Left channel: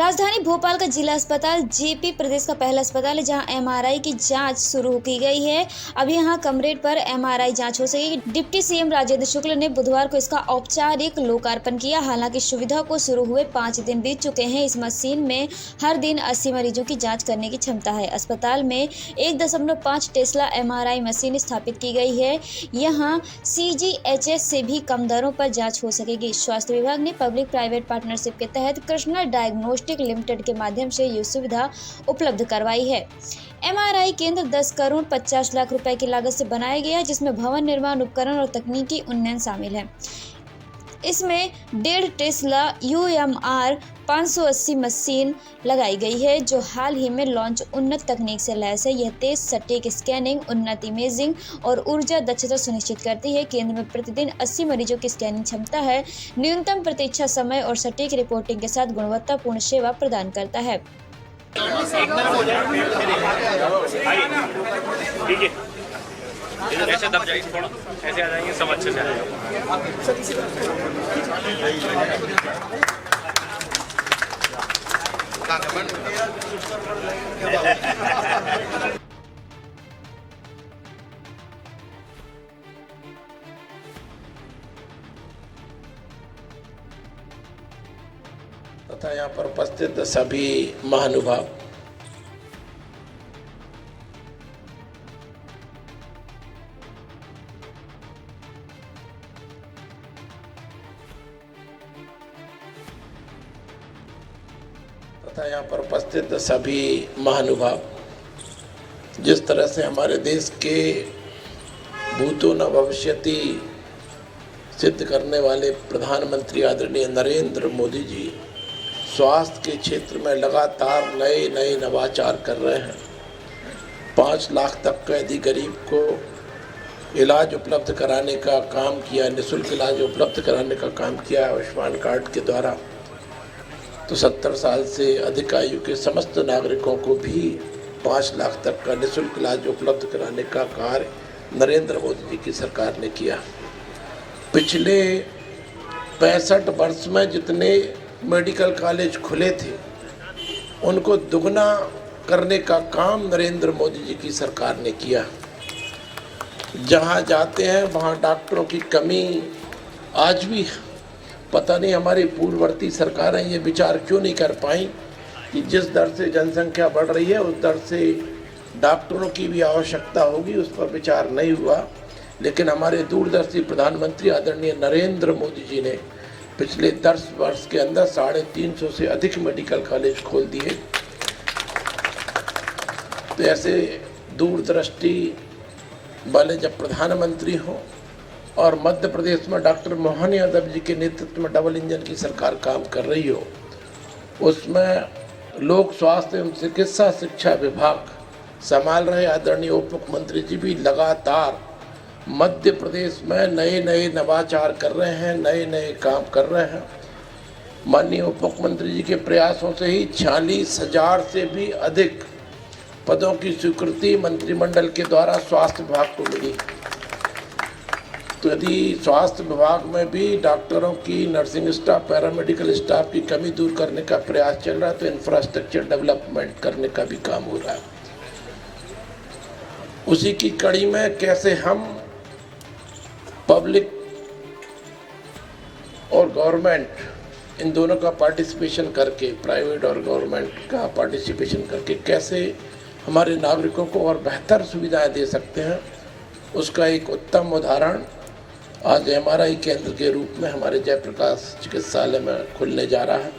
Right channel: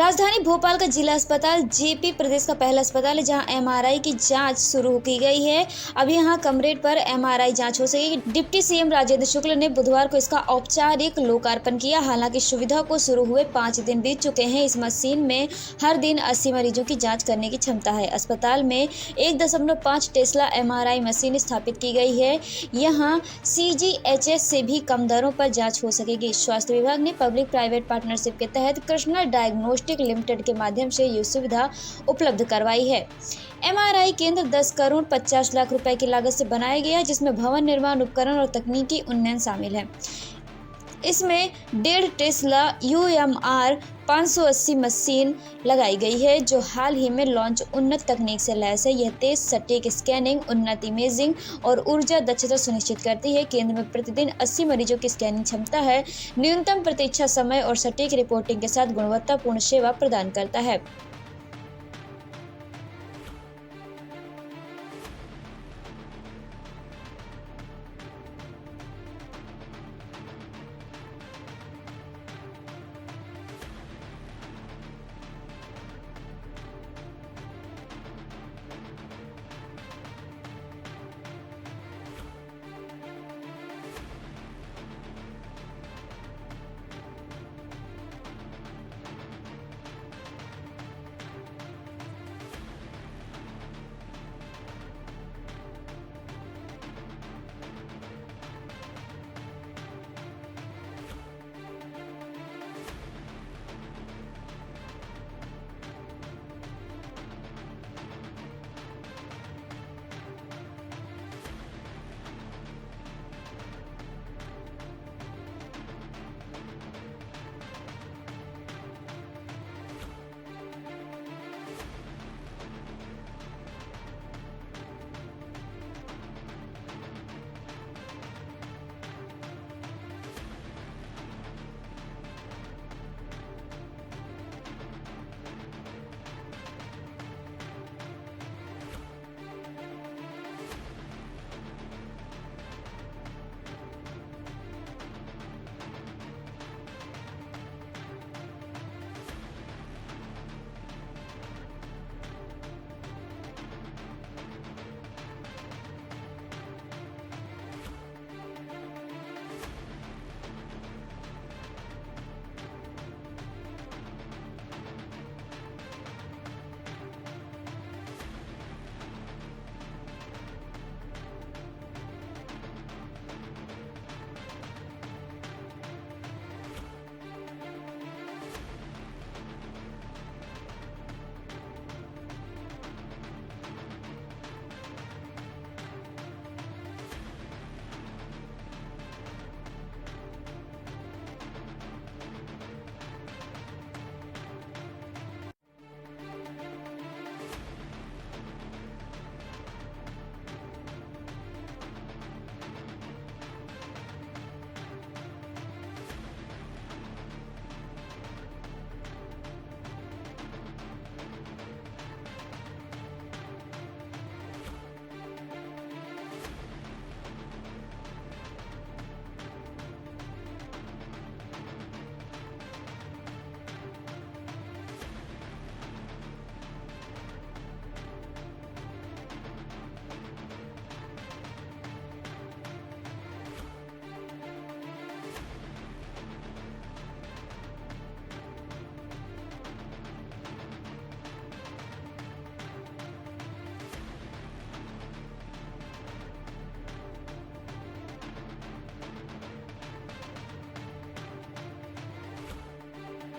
राजधानी भोपाल का जिला अस्पताल जेपी प्रदेश का पहला अस्पताल है जहां एमआरआई की जांच शुरू की गई है। अब यहां कमरेड पर एमआरआई जांच हो सकेगी। डिप्टी सीएम राजेंद्र शुक्ल ने बुधवार को इसका औपचारिक लोकार्पण किया। हालांकि सुविधा को शुरू हुए 5 दिन बीत चुके हैं। इस मशीन में हर दिन 80 मरीजों की जाँच करने की क्षमता है। अस्पताल में 1.5 टेस्ला एमआरआई मशीन स्थापित की गई है। यहाँ CGHS से भी कम दरों पर जाँच हो सकेगी। स्वास्थ्य विभाग ने पब्लिक प्राइवेट पार्टनरशिप के तहत कृष्णा डायग्नोस्टिक लिमिटेड के माध्यम से ये सुविधा उपलब्ध करवाई है। एमआरआई केंद्र 10 करोड़ 50 लाख रुपए की लागत से बनाया गया है, जिसमें भवन निर्माण, उपकरण और तकनीकी उन्नयन शामिल है। इसमें 1.5 टेस्ला UMR 580 मशीन लगाई गई है, जो हाल ही में लॉन्च उन्नत तकनीक से लैस है। यह तेज सटीक स्कैनिंग, उन्नत इमेजिंग और ऊर्जा दक्षता सुनिश्चित करती है। केंद्र में प्रतिदिन 80 मरीजों की स्कैनिंग क्षमता है। न्यूनतम प्रतीक्षा समय और सटीक रिपोर्टिंग के साथ गुणवत्तापूर्ण सेवा प्रदान करता है। ऐसे दब जाएगी, थोड़ा ऐसे आ जाएंगे, सब अच्छे से आ जाएगा। तथा यहाँ पर उपस्थित सभी महानुभाव, जिस तरह से हमारे देश के भूतो न भविष्यति सिद्ध करने वाले प्रधानमंत्री आदरणीय नरेंद्र मोदी जी स्वास्थ्य के क्षेत्र में लगातार नए नवाचार कर रहे हैं। 5 लाख तक के यदि गरीब को इलाज उपलब्ध कराने का काम किया, निःशुल्क इलाज उपलब्ध कराने का काम किया आयुष्मान कार्ड के द्वारा, तो 70 साल से अधिक आयु के समस्त नागरिकों को भी 5 लाख तक का निःशुल्क इलाज उपलब्ध कराने का कार्य नरेंद्र मोदी जी की सरकार ने किया। पिछले 65 वर्ष में जितने मेडिकल कॉलेज खुले थे, उनको दुगना करने का काम नरेंद्र मोदी जी की सरकार ने किया। जहाँ जाते हैं वहाँ डॉक्टरों की कमी आज भी, पता नहीं हमारी पूर्ववर्ती सरकारें ये विचार क्यों नहीं कर पाई कि जिस दर से जनसंख्या बढ़ रही है उस दर से डॉक्टरों की भी आवश्यकता होगी, उस पर विचार नहीं हुआ। लेकिन हमारे दूरदर्शी प्रधानमंत्री आदरणीय नरेंद्र मोदी जी ने पिछले 10 वर्ष के अंदर 350 से अधिक मेडिकल कॉलेज खोल दिए। तो ऐसे दूरदृष्टि वाले जब प्रधानमंत्री हों और मध्य प्रदेश में डॉक्टर मोहन यादव जी के नेतृत्व में डबल इंजन की सरकार काम कर रही हो, उसमें लोक स्वास्थ्य एवं चिकित्सा शिक्षा विभाग संभाल रहे आदरणीय उप मुख्यमंत्री जी भी लगातार मध्य प्रदेश में नए नवाचार कर रहे हैं, नए काम कर रहे हैं। माननीय उप मुख्यमंत्री जी के प्रयासों से ही 46,000 से भी अधिक पदों की स्वीकृति मंत्रिमंडल के द्वारा स्वास्थ्य विभाग को मिली। तो यदि स्वास्थ्य विभाग में भी डॉक्टरों की, नर्सिंग स्टाफ, पैरामेडिकल स्टाफ की कमी दूर करने का प्रयास चल रहा है, तो इंफ्रास्ट्रक्चर डेवलपमेंट करने का भी काम हो रहा है। उसी की कड़ी में कैसे हम पब्लिक और गवर्नमेंट इन दोनों का पार्टिसिपेशन करके, प्राइवेट और गवर्नमेंट का पार्टिसिपेशन करके कैसे हमारे नागरिकों को और बेहतर सुविधाएं दे सकते हैं, उसका एक उत्तम उदाहरण आज एमआरआई केंद्र के रूप में हमारे जयप्रकाश चिकित्सालय में खुलने जा रहा है।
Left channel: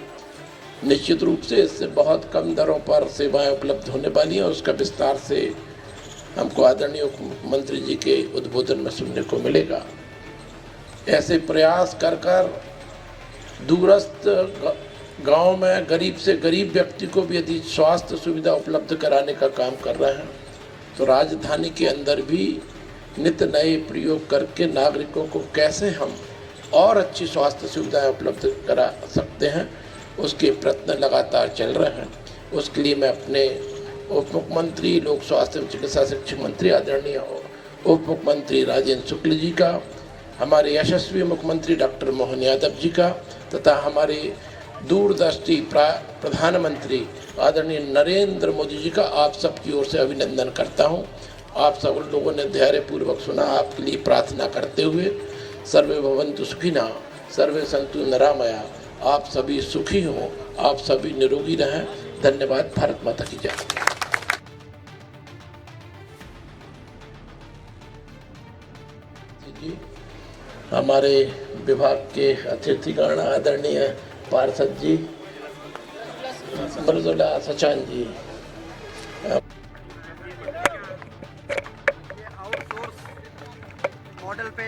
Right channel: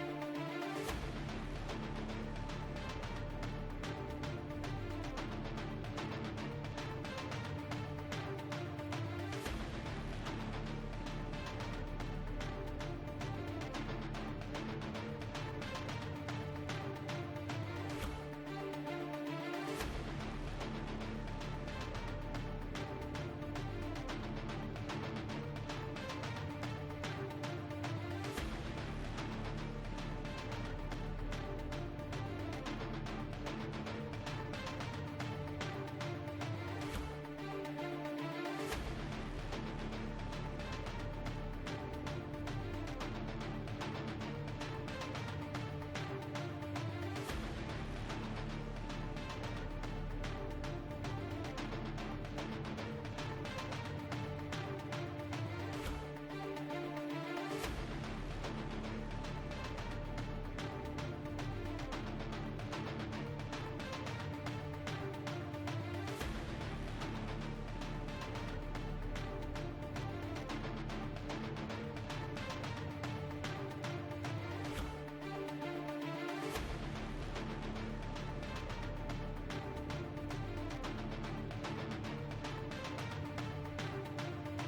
निश्चित रूप से इससे बहुत कम दरों पर सेवाएं उपलब्ध होने वाली हैं। उसका विस्तार से हमको आदरणीय मुख्यमंत्री जी के उद्बोधन में सुनने को मिलेगा। ऐसे प्रयास कर दूरस्थ गांव में गरीब से गरीब व्यक्ति को भी यदि स्वास्थ्य सुविधा उपलब्ध कराने का काम कर रहे हैं, तो राजधानी के अंदर भी नित्य नए प्रयोग करके नागरिकों को कैसे हम और अच्छी स्वास्थ्य सुविधाएं उपलब्ध करा सकते हैं, उसके प्रयत्न लगातार चल रहे हैं। उसके लिए मैं अपने उप मुख्यमंत्री, लोक स्वास्थ्य एवं चिकित्सा शिक्षा मंत्री आदरणीय उप मुख्यमंत्री राजेंद्र शुक्ल जी का, हमारे यशस्वी मुख्यमंत्री डॉक्टर मोहन यादव जी का तथा हमारे दूरदर्शी प्रधानमंत्री आदरणीय नरेंद्र मोदी जी का आप सबकी ओर से अभिनंदन करता हूं। आप सब लोगों ने धैर्यपूर्वक सुना। आपके लिए प्रार्थना करते हुए सर्वे भवन्तु सुखिनः, सर्वे सन्तु निरामया। आप सभी सुखी हों, आप सभी निरोगी रहें। धन्यवाद। भारत माता की जय। हमारे विभाग के अतिथिगण आदरणीय पार्षद जी, मृदुला सचान जी, मॉडल पे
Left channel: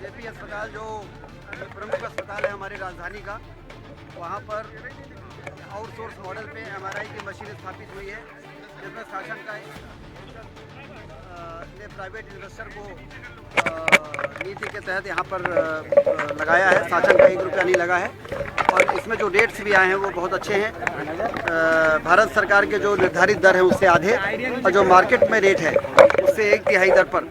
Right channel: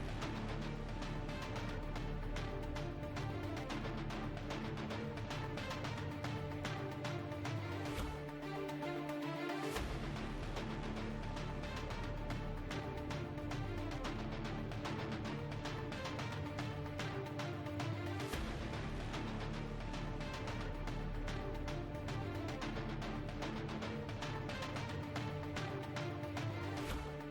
जेपी अस्पताल जो प्रमुख अस्पताल है हमारी राजधानी का, वहाँ पर आउटसोर्स मॉडल पे एमआरआई की मशीन स्थापित हुई है। जिसमें शासन का ने प्राइवेट इन्वेस्टर को नीति के तहत यहाँ पर लगाया है। शासन का 1 रुपया नहीं लगा है और इसमें जो रेट्स भी आए हैं वो बहुत अच्छे हैं। भारत सरकार के जो निर्धारित दर है उससे आधे और जो मार्केट में रेट है उससे 1/3 दर पर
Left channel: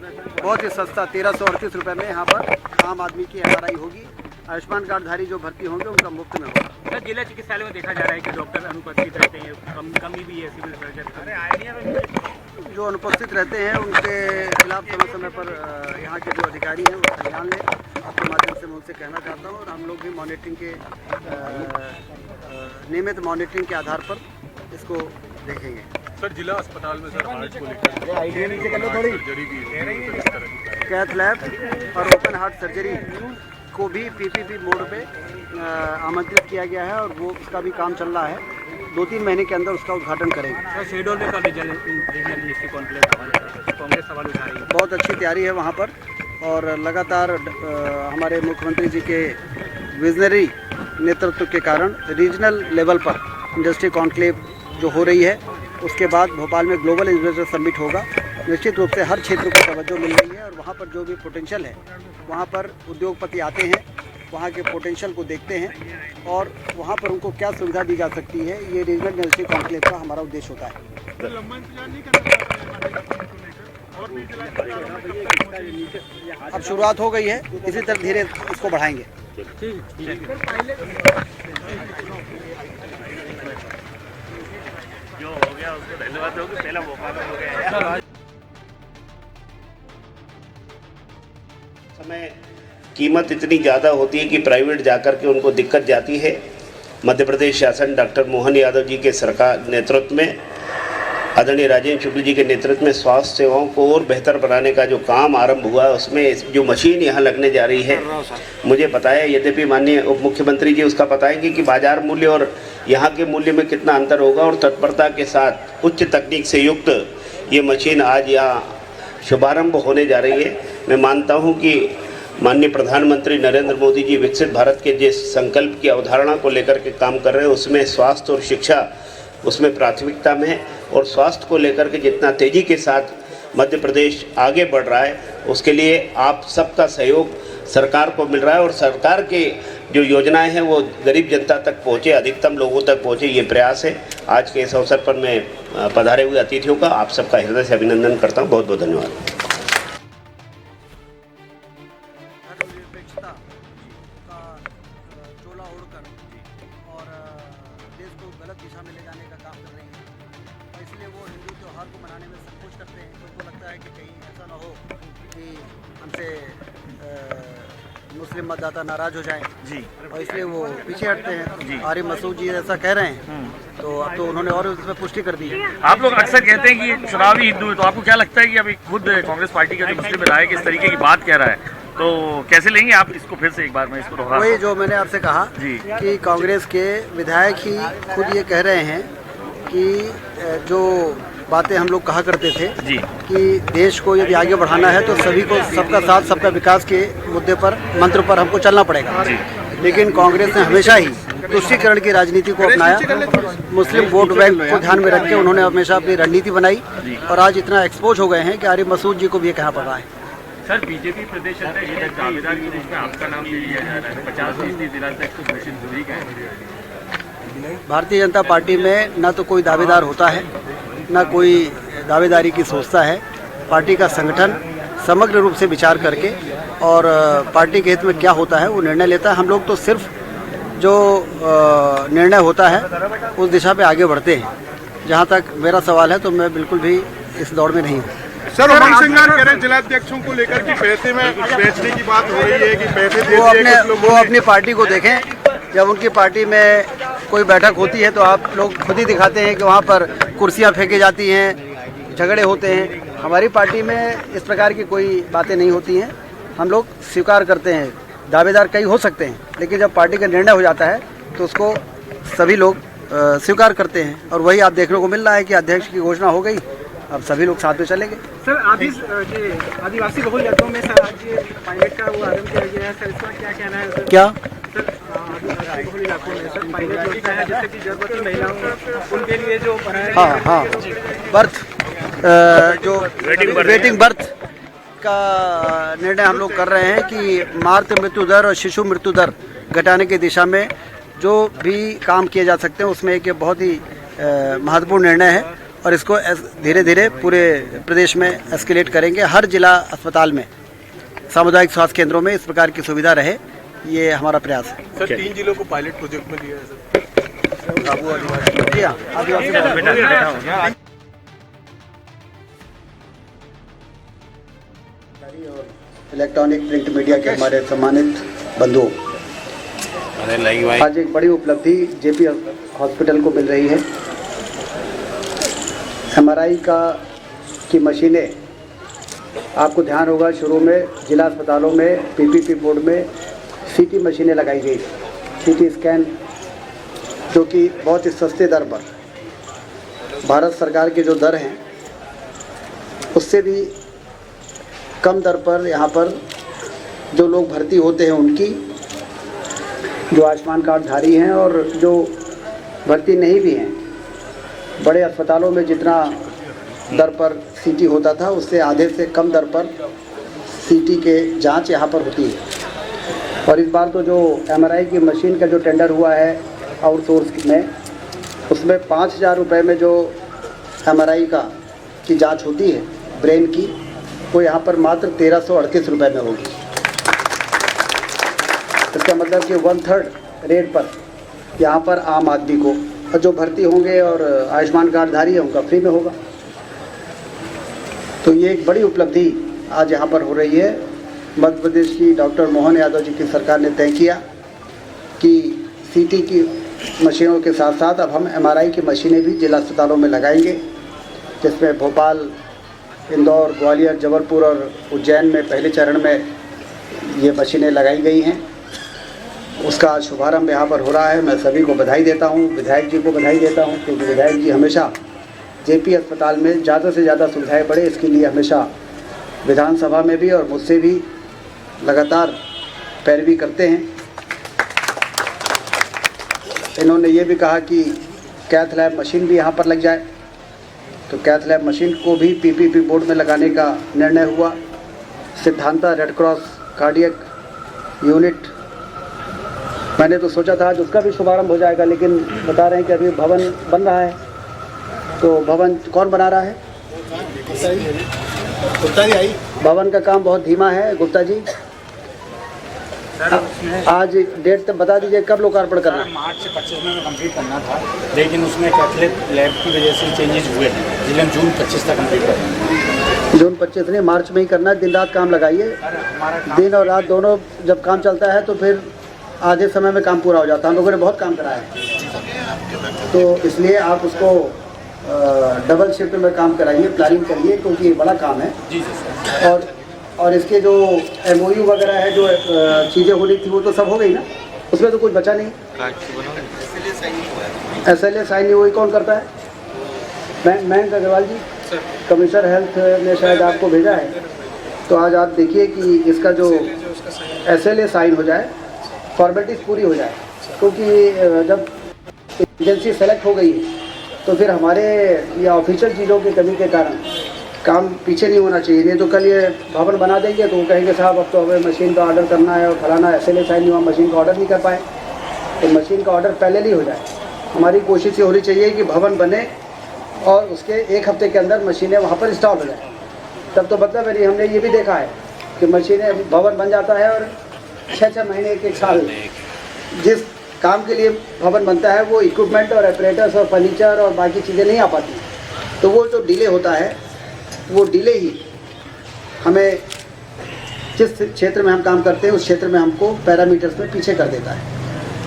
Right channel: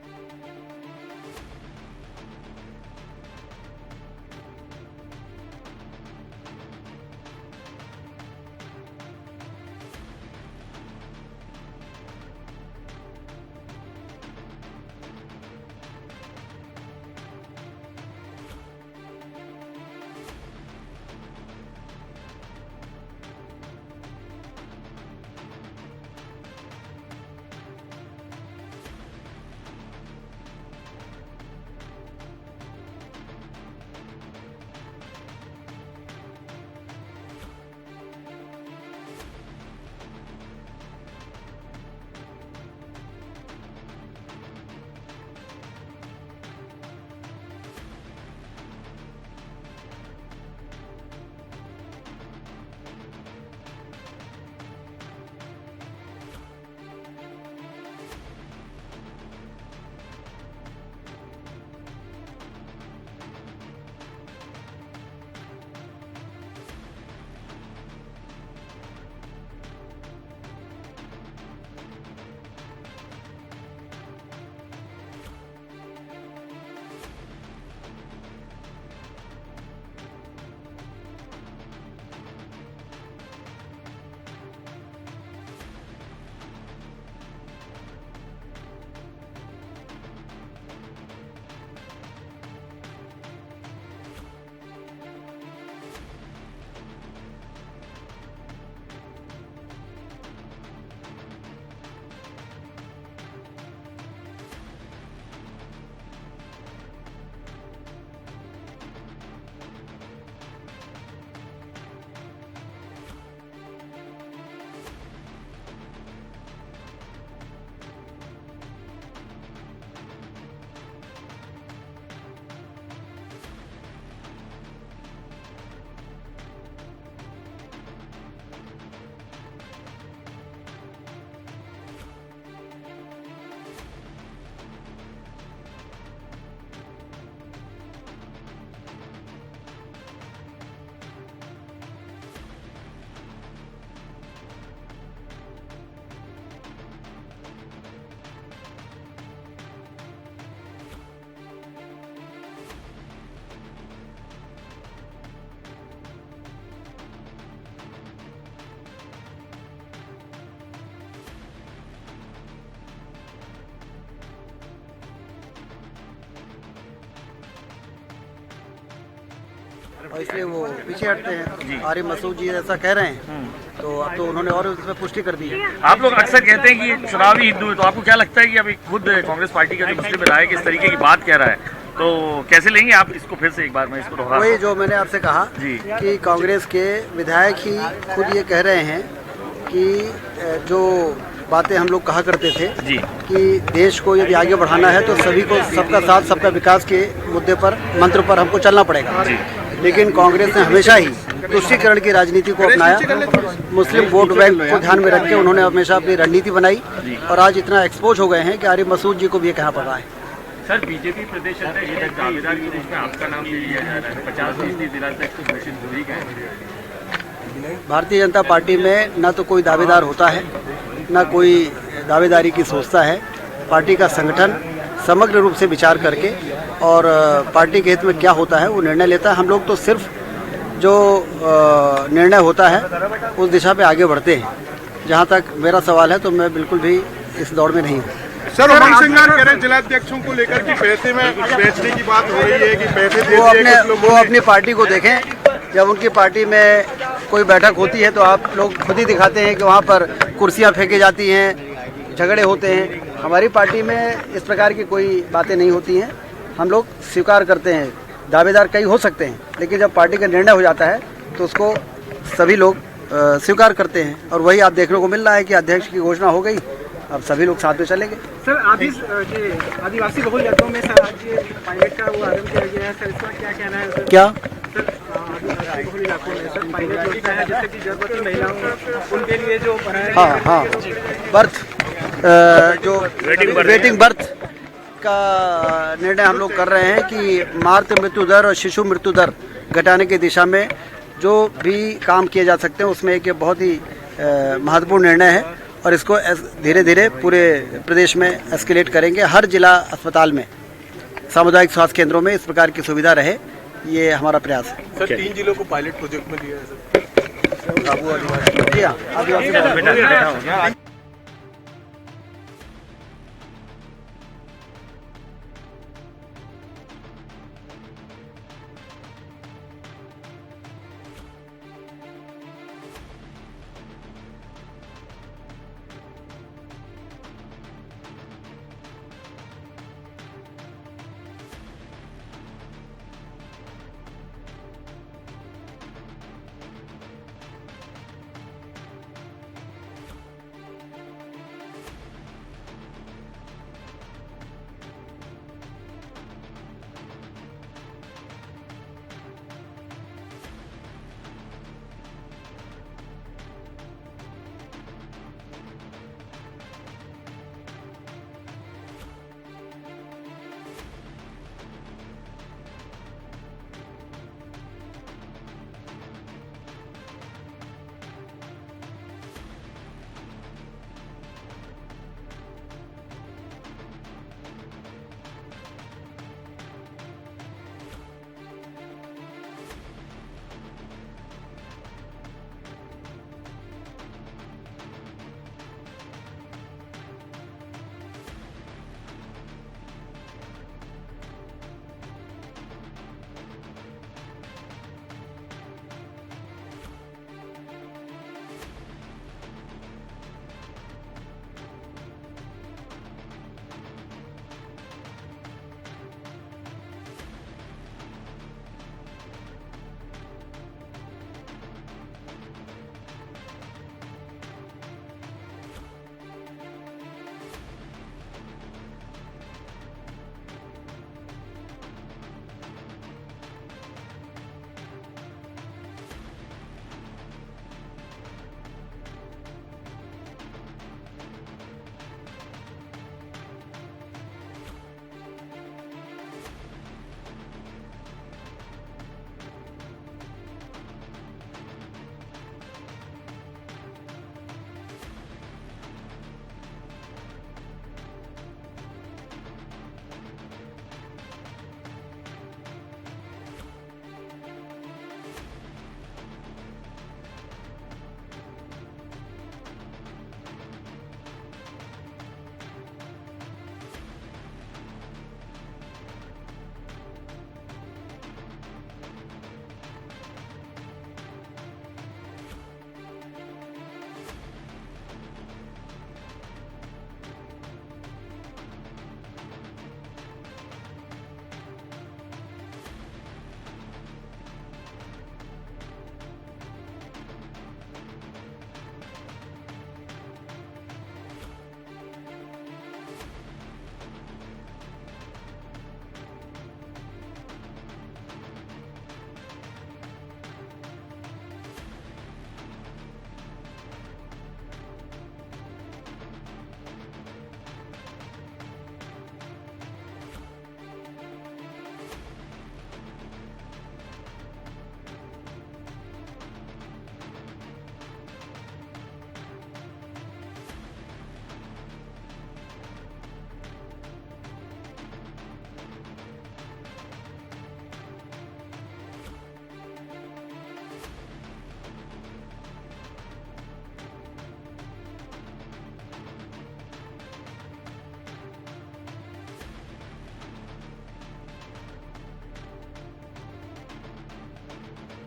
बहुत ही सस्ता 1338 रुपये में यहाँ पर आम आदमी की एमआरआई होगी। आयुष्मान कार्डधारी जो भर्ती होंगे उनका मुफ्त में होगा। सर, जिला चिकित्सालय में देखा जा रहा है कि डॉक्टर अनुपस्थित रहते हैं, कमी भी है सिविल सर्जन। जो अनुपस्थित रहते हैं उनके खिलाफ समय समय पर यहाँ के जो अधिकारी हैं वो संज्ञान लें। आपके माध्यम से मैं उनसे कहना चाहता हूँ और हम लोग भी मॉनिटरिंग के नियमित मॉनिटरिंग के आधार पर इसको देखेंगे। सर, जिला अस्पताल में सर हार्ट को लेकर कैथ लैब और ओपन हार्ट सर्जरी को भी पीपीपी मोड पे आमंत्रित किया गया है और वो उसका भी काम चल रहा है। 2-3 महीने के अंदर उसका उद्घाटन करेंगे। सर, शेड्यूल में कभी कांग्रेस सवाल उठा रही है। बहुत अच्छी तैयारी है वहाँ पर और लगातार हमारे मुख्यमंत्री जी के विजनरी नेतृत्व के कारण रीजनल लेवल पर इंडस्ट्री कॉन्क्लेव जो हो रही है, उसके बाद भोपाल में ग्लोबल इन्वेस्टर समिट होगा। निश्चित रूप से हर क्षेत्र को तवज्जो मिल रही है और वहाँ पर जो भी पोटेंशियल है वहाँ पर उद्योगपति आते हैं, वहाँ के पोटेंशियल को देखते हैं और वहाँ पर उनको क्या सुविधा दी जा सकती है, ये रीजनल इंडस्ट्री कॉन्क्लेव का हमारा उद्देश्य होता है। अब शुरुआत हो गई है, इसी तरह धीरे इसको बढ़ाएंगे। जो हो गया उसको धन्यवाद दोगे, पहला मौका तो हो गया। समय कीमत इतनी ज़्यादा होती है कि प्राइवेट जाकर के उनको दिक्कत जाती है। मध्य प्रदेश शासन डॉक्टर मोहन यादव जी के सरकार नेतृत्व में, आदरणीय राजेंद्र शुक्ल जी के नेतृत्व में स्वास्थ्य सेवाओं को और बेहतर बनाने का जो काम आरंभ हुआ है, उसमें जो मशीन यहाँ लगने जा रही है, मुझे पता है, यद्यपि माननीय उप मुख्यमंत्री जी उसका बताएंगे कि बाजार मूल्य और यहाँ के मूल्य में कितना अंतर होगा और तत्परता के साथ उच्च तकनीक से युक्त ये मशीन आज यहाँ शुभारंभ होने जा रही है। मैं मानता हूँ कि माननीय प्रधानमंत्री नरेंद्र मोदी जी विकसित भारत के जिस संकल्प की अवधारणा को लेकर के काम कर रहे हैं, उसमें स्वास्थ्य और शिक्षा उसमें प्राथमिकता में है और स्वास्थ्य को लेकर के जितना तेज़ी के साथ मध्य प्रदेश आगे बढ़ रहा है, उसके लिए आप सबका सहयोग सरकार को मिल रहा है और सरकार के जो योजनाएं हैं वो गरीब जनता तक पहुँचे, अधिकतम लोगों तक पहुँचे, ये प्रयास है। आज के इस अवसर पर मैं पधारे हुए अतिथियों का आप सबका हृदय से अभिनंदन करता हूँ। बहुत बहुत धन्यवाद। मुस्लिम मतदाता नाराज हो जाएं जी और इसलिए वो पीछे हटते हैं। आरिफ मसूद जी ऐसा कह रहे हैं तो अब तो उन्होंने और इसमें पुष्टि कर दी है। आप लोग अक्सर कहते हैं कि चुनावी हिंदू है, तो आपको क्या लगता है कि अभी खुद कांग्रेस पार्टी का जो मुस्लिम विधायक इस तरीके की बात कह रहा है, तो कैसे लेंगे आप इसको? फिर से एक बार मैं इसको दोहरा, वही जो मैंने आपसे कहा कि कांग्रेस के विधायक ही खुद ये कह रहे हैं कि जो बातें हम लोग कहा करते थे कि देश को यदि आगे बढ़ाना है तो सभी को सबका साथ सबका विकास के मुद्दे पर, मंत्र पर हमको चलना पड़ेगा। लेकिन कांग्रेस ने हमेशा ही तुष्टीकरण की राजनीति को अपनाया। मुस्लिम वोट बैंक को ध्यान में रख के उन्होंने हमेशा अपनी रणनीति बनाई और आज इतना एक्सपोज हो गए हैं कि आरिफ मसूद जी को भी ये कहना पड़ रहा है। सर, बीजेपी प्रदेश अध्यक्ष दावेदार की लिस्ट में आपका नाम भी लिया जा रहा है। 50% जिला तक कुछ मशीन दूरी का है। भारतीय जनता पार्टी में न तो कोई दावेदार होता है, न कोई दावेदारी की सोचता है। पार्टी का संगठन समग्र रूप से विचार करके और पार्टी के हित में क्या होता है वो निर्णय लेता है। हम लोग तो सिर्फ जो निर्णय होता है उस दिशा पे आगे बढ़ते हैं। जहाँ तक मेरा सवाल है तो मैं बिल्कुल भी इस दौड़ में नहीं हूँ। सर, उमंग सिंगार कह रहे हैं जिलाध्यक्षों को लेकर कि पैसे में बेचने की बात हो रही है कि पैसे दे वो अपनी पार्टी को देखें। जब उनकी पार्टी में कोई बैठक होती है तो आप लोग खुद ही दिखाते हैं कि वहाँ पर कुर्सियाँ फेंकी जाती हैं, झगड़े होते हैं। हमारी पार्टी में इस प्रकार की कोई बातें नहीं होती हैं। हम लोग स्वीकार करते हैं, दावेदार कई हो सकते हैं, लेकिन जब पार्टी का निर्णय हो जाता है तो उसको सभी लोग स्वीकार करते हैं। और वही आप देखने को मिल रहा है कि अध्यक्ष की घोषणा हो गई, अब सभी लोग साथ में चलेंगे। सर, आदिवासी बहुल इलाकों में सर आज ये पायलट का वो आरंभ किया गया है, सर इसका क्या कहना है सर? क्या सर, आदिवासी बहुल इलाकों में सर पायलट योजना है जिससे कि गर्भवती महिलाओं उनके लिए जो बनाया हाँ बर्थ जो वेटिंग बर्थ का निर्णय हम लोग कर रहे हैं कि मातृ मृत्यु दर और शिशु मृत्यु दर घटाने की दिशा में जो भी काम किए जा सकते हैं उसमें एक बहुत ही महत्वपूर्ण निर्णय है। और इसको धीरे धीरे पूरे प्रदेश में एस्केलेट करेंगे। हर जिला अस्पताल में, सामुदायिक स्वास्थ्य केंद्रों में इस प्रकार की सुविधा रहे, ये हमारा प्रयास है। सर, 3 जिलों को पायलट प्रोजेक्ट में दिया है सर। जी हाँ, आदिवासी इलेक्ट्रॉनिक प्रिंट मीडिया के हमारे सम्मानित बंधुओं, आज एक बड़ी उपलब्धि जेपी हॉस्पिटल को मिल रही है। एमआरआई की मशीनें, आपको ध्यान होगा शुरू में जिला अस्पतालों में पीपीपी बोर्ड में सीटी मशीनें लगाई गई, सीटी स्कैन, जो कि बहुत ही सस्ते दर पर, भारत सरकार के जो दर हैं उससे भी कम दर पर यहाँ पर जो लोग भर्ती होते हैं उनकी, जो आयुष्मान कार्ड धारी हैं और जो भर्ती नहीं भी हैं, बड़े अस्पतालों में जितना दर पर सीटी होता था उससे आधे से कम दर पर सीटी के जांच यहाँ पर होती है। और इस बार तो जो एमआरआई की मशीन का जो टेंडर हुआ है आउटसोर्स में, उसमें 5,000 रुपये में जो एमआरआई की जांच होती है ब्रेन की, वो यहाँ पर मात्र 1338 रुपये में होगी। इसका मतलब कि 1/3 रेट पर यहाँ पर आम आदमी को, और जो भर्ती होंगे और आयुष्मान कार्ड धारी है उनका फ्री में होगा। तो ये एक बड़ी उपलब्धि आज यहाँ पर हो रही है। मध्य प्रदेश की डॉक्टर मोहन यादव जी की सरकार ने तय किया कि सीटी की मशीनों के साथ साथ अब हम एमआरआई की मशीनें भी जिला अस्पतालों में लगाएंगे, जिसमें भोपाल, इंदौर, ग्वालियर, जबलपुर और उज्जैन में पहले चरण में ये मशीनें लगाई गई हैं। उसका शुभारंभ यहाँ पर हो रहा है। मैं सभी को बधाई देता हूँ, विधायक जी को बधाई देता हूँ, क्योंकि विधायक जी हमेशा जेपी अस्पताल में ज़्यादा से ज़्यादा सुविधाएं बढ़े, इसके लिए हमेशा विधानसभा में भी और मुझसे भी लगातार पैरवी करते हैं। इन्होंने ये भी कहा कि कैथ लैब मशीन भी यहाँ पर लग जाए, तो कैथ लैब मशीन को भी पीपीपी बोर्ड में लगाने का निर्णय हुआ। Siddhanta red cross cardiac unit, मैंने तो सोचा था आज उसका भी शुभारंभ हो जाएगा, लेकिन बता रहे हैं कि अभी भवन बन रहा है। तो भवन कौन बना रहा है? गुप्ता जी। भवन का काम बहुत धीमा है गुप्ता जी। आज डेट तक बता दीजिए कब लोकार्पण करना है? मार्च से 25 में कंप्लीट करना था, लेकिन उसमें कैथलेट लैब की वजह से चेंजेस हुए हैं, जिले में जून 25 तक कंप्लीट करना है। जून 25 नहीं, मार्च में ही करना है। दिन रात काम लगाइए, दिन और रात दोनों जब काम चलता है तो फिर आधे समय में काम पूरा हो जाता है। हम लोगों ने बहुत काम कराया है, तो इसलिए आप उसको डबल शिफ्ट में काम कराइए, प्लानिंग करिए, क्योंकि ये बड़ा काम है। जी सर। और इसके जो MOU वगैरह है, जो चीज़ें होनी थी वो तो सब हो गई ना, उसमें तो कुछ बचा नहीं। SLA साइन नहीं हुई, कौन करता है? मयंक अग्रवाल जी, कमिश्नर हेल्थ ने शायद आपको भेजा है। तो आज आप देखिए कि इसका जो SLA साइन हो जाए, फॉर्मेलिटीज़ पूरी हो जाए, क्योंकि जब एजेंसी सेलेक्ट हो गई तो फिर हमारे या ऑफिशियल चीज़ों की कमी के कारण काम पीछे नहीं होना चाहिए। नहीं तो कल ये भवन बना देंगे तो वो कहेंगे साहब अब तो हमें मशीन का ऑर्डर करना है और फलाना SLA साइन नहीं हुआ, मशीन का ऑर्डर नहीं कर पाए। तो मशीन का ऑर्डर पहले नहीं हो जाए। हमारी कोशिश ये होनी चाहिए कि भवन बने और उसके 1 हफ्ते के अंदर मशीनें वहाँ पर इंस्टॉल हो जाए। तब तो मतलब है, हमने ये भी देखा है कि मशीनें, भवन बन जाता है और 6-6 महीने, 1-1 साल जिस काम के लिए भवन बनता है वो इक्विपमेंट और ऑपरेटर्स और फर्नीचर और बाकी चीज़ें नहीं आ पाती, तो वो जो डिले होता है वो डिले ही हमें जिस क्षेत्र में हम काम करते हैं उस क्षेत्र में हमको पैरामीटर्स में पीछे कर देता है।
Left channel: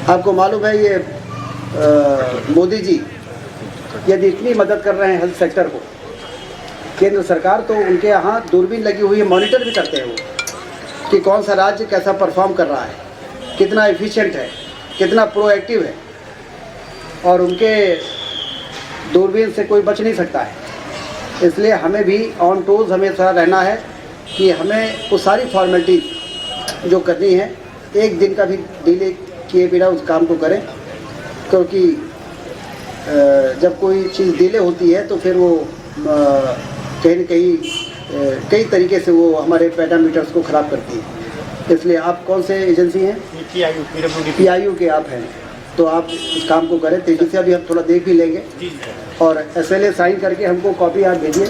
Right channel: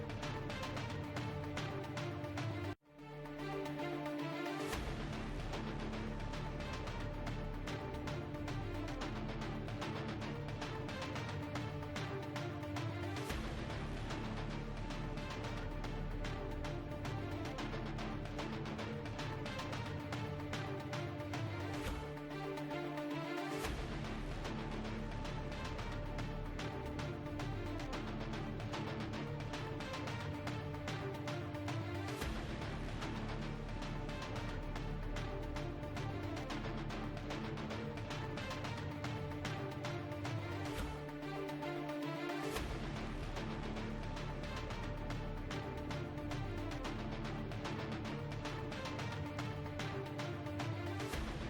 आपको मालूम है ये मोदी जी यदि इतनी मदद कर रहे हैं हेल्थ सेक्टर को, केंद्र सरकार, तो उनके यहाँ दूरबीन लगी हुई है, मॉनिटर भी करते हैं वो कि कौन सा राज्य कैसा परफॉर्म कर रहा है, कितना एफिशिएंट है, कितना प्रोएक्टिव है, और उनके दूरबीन से कोई बच नहीं सकता है। इसलिए हमें भी ऑन टोज हमेशा रहना है कि हमें वो सारी फॉर्मेलिटीज जो करनी है एक दिन का भी डिले किए बिना उस काम को करें, क्योंकि जब कोई चीज़ डिले होती है तो फिर वो कहीं न कहीं कई तरीके से वो हमारे पैरामीटर्स को ख़राब करती है। इसलिए आप कौन से एजेंसी हैं? PIU के आप हैं, तो आप इस काम को करें तेज़ी से। अभी हम थोड़ा देख भी लेंगे और SLA साइन करके हमको कॉपी आप भेजिए,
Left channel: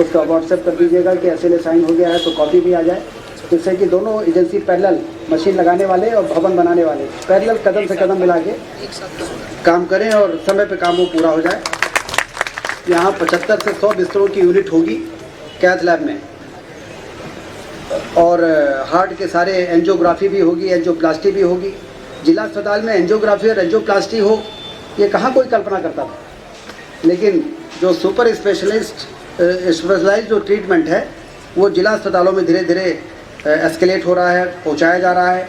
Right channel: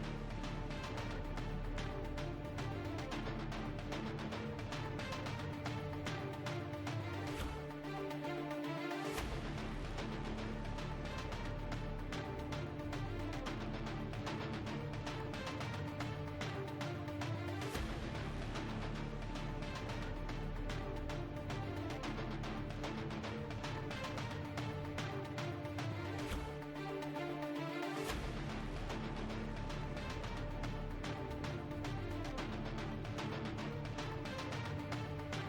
उसका व्हाट्सएप कर दीजिएगा कि SLA साइन हो गया है, तो कॉपी भी आ जाए, जिससे कि दोनों एजेंसी पैरेलल, मशीन लगाने वाले और भवन बनाने वाले पैरेलल कदम से कदम मिला के काम करें और समय पे काम वो पूरा हो जाए। यहाँ 75 से 100 बिस्तरों की यूनिट होगी कैथ लैब में, और हार्ट के सारे एंजियोग्राफी भी होगी, एंजियोप्लास्टी भी होगी। जिला अस्पताल में एंजियोग्राफी और एंजियोप्लास्टी हो, ये कहाँ कोई कल्पना करता था, लेकिन जो सुपर स्पेशलाइज्ड जो ट्रीटमेंट है वो जिला अस्पतालों में धीरे धीरे एस्केलेट हो रहा है, पहुंचाया जा रहा है।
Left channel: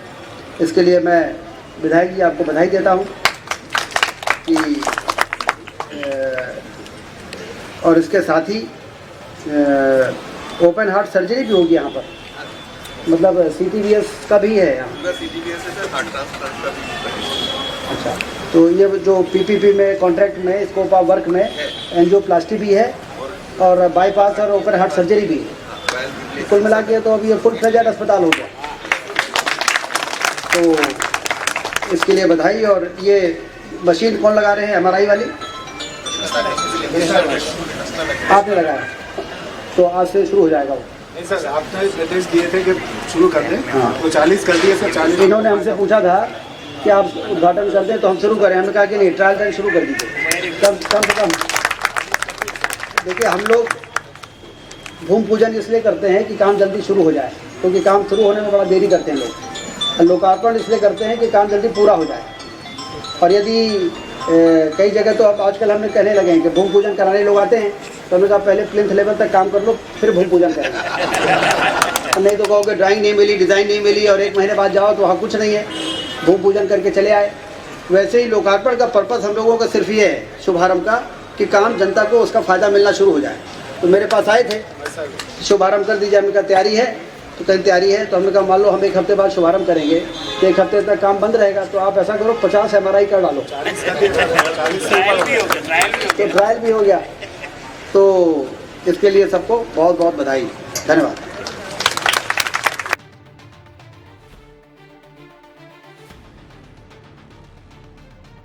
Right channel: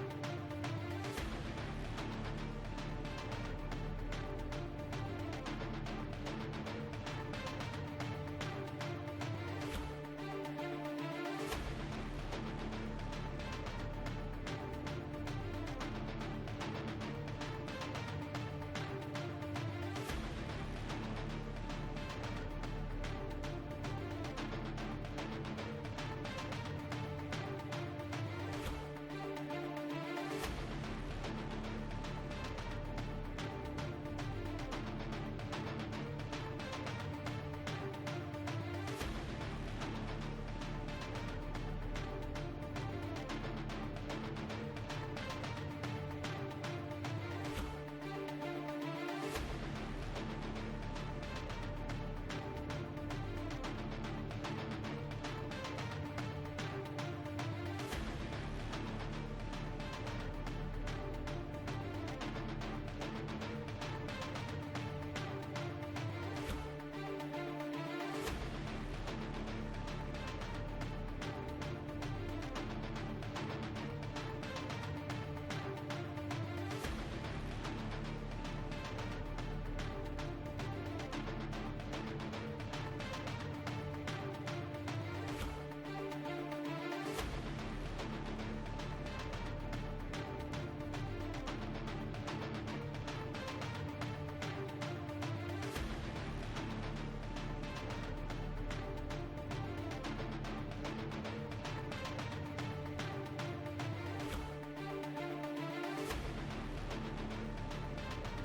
इसके लिए मैं विधायक जी आपको बधाई देता हूं कि और इसके साथ ही ओपन हार्ट सर्जरी भी होगी यहाँ पर, मतलब CTBS का भी है यहाँ। अच्छा, तो ये जो PPP में कॉन्ट्रैक्ट में स्कोप ऑफ वर्क में एंजियोप्लास्टी भी है और बाईपास और ओपन हार्ट सर्जरी भी है। कुल मिला के तो अभी ये फुल फ्लेजेड अस्पताल हो गया, तो इसके लिए बधाई। और ये मशीन कौन लगा रहे हैं? MRI वाली आपने लगाया, तो आज से शुरू हो जाएगा वो। नहीं सर, आपने निर्देश दिए थे कि शुरू कर दें, तो 40 कर दिए सर। 40 इन्होंने हमसे पूछा था कि आप उद्घाटन कर दें तो हम शुरू करें, हमने कहा कि नहीं, ट्रायल रन शुरू कर दीजिए कम से कम। देखिए, हम लोग भूमि पूजन इसलिए करते हैं कि काम जल्दी शुरू हो जाए, क्योंकि काम शुरू होने में बड़ा देरी करते हैं लोग। और लोकार्पण इसलिए करते हैं कि काम जल्दी पूरा हो जाए। और यदि कई जगह तो अब आजकल हमने कहने लगे हैं कि भूमि पूजन कराने लोग आते हैं, तो हमने कहा पहले प्लिंथ लेवल तक काम कर लो, फिर भूमि पूजन करेंगे। नहीं तो कहोगे ड्राइंग नहीं मिली, डिज़ाइन नहीं मिली, और 1 महीने बाद जाओ तो वहाँ कुछ नहीं है, भूमि पूजन करके चले आए। वैसे ही लोकार्पण का पर्पज़ हम लोगों का सिर्फ ये है, शुभारंभ का, कि काम जनता को उसका फ़ायदा मिलना शुरू हो जाए। तो मेरे पास आए थे, शुभारंभ कर दीजिए, हमने कहा तैयारी है, तो कहीं तैयारी है, तो हमने कहा मान लो हम 1 हफ्ते बाद शुभारंभ करेंगे तो 1 हफ्ते तक काम बंद रहेगा, तो आप ऐसा करो 50 MRI कर डालो, तो ट्रायल भी हो गया। तो इसके लिए सबको बहुत बहुत बधाई, धन्यवाद।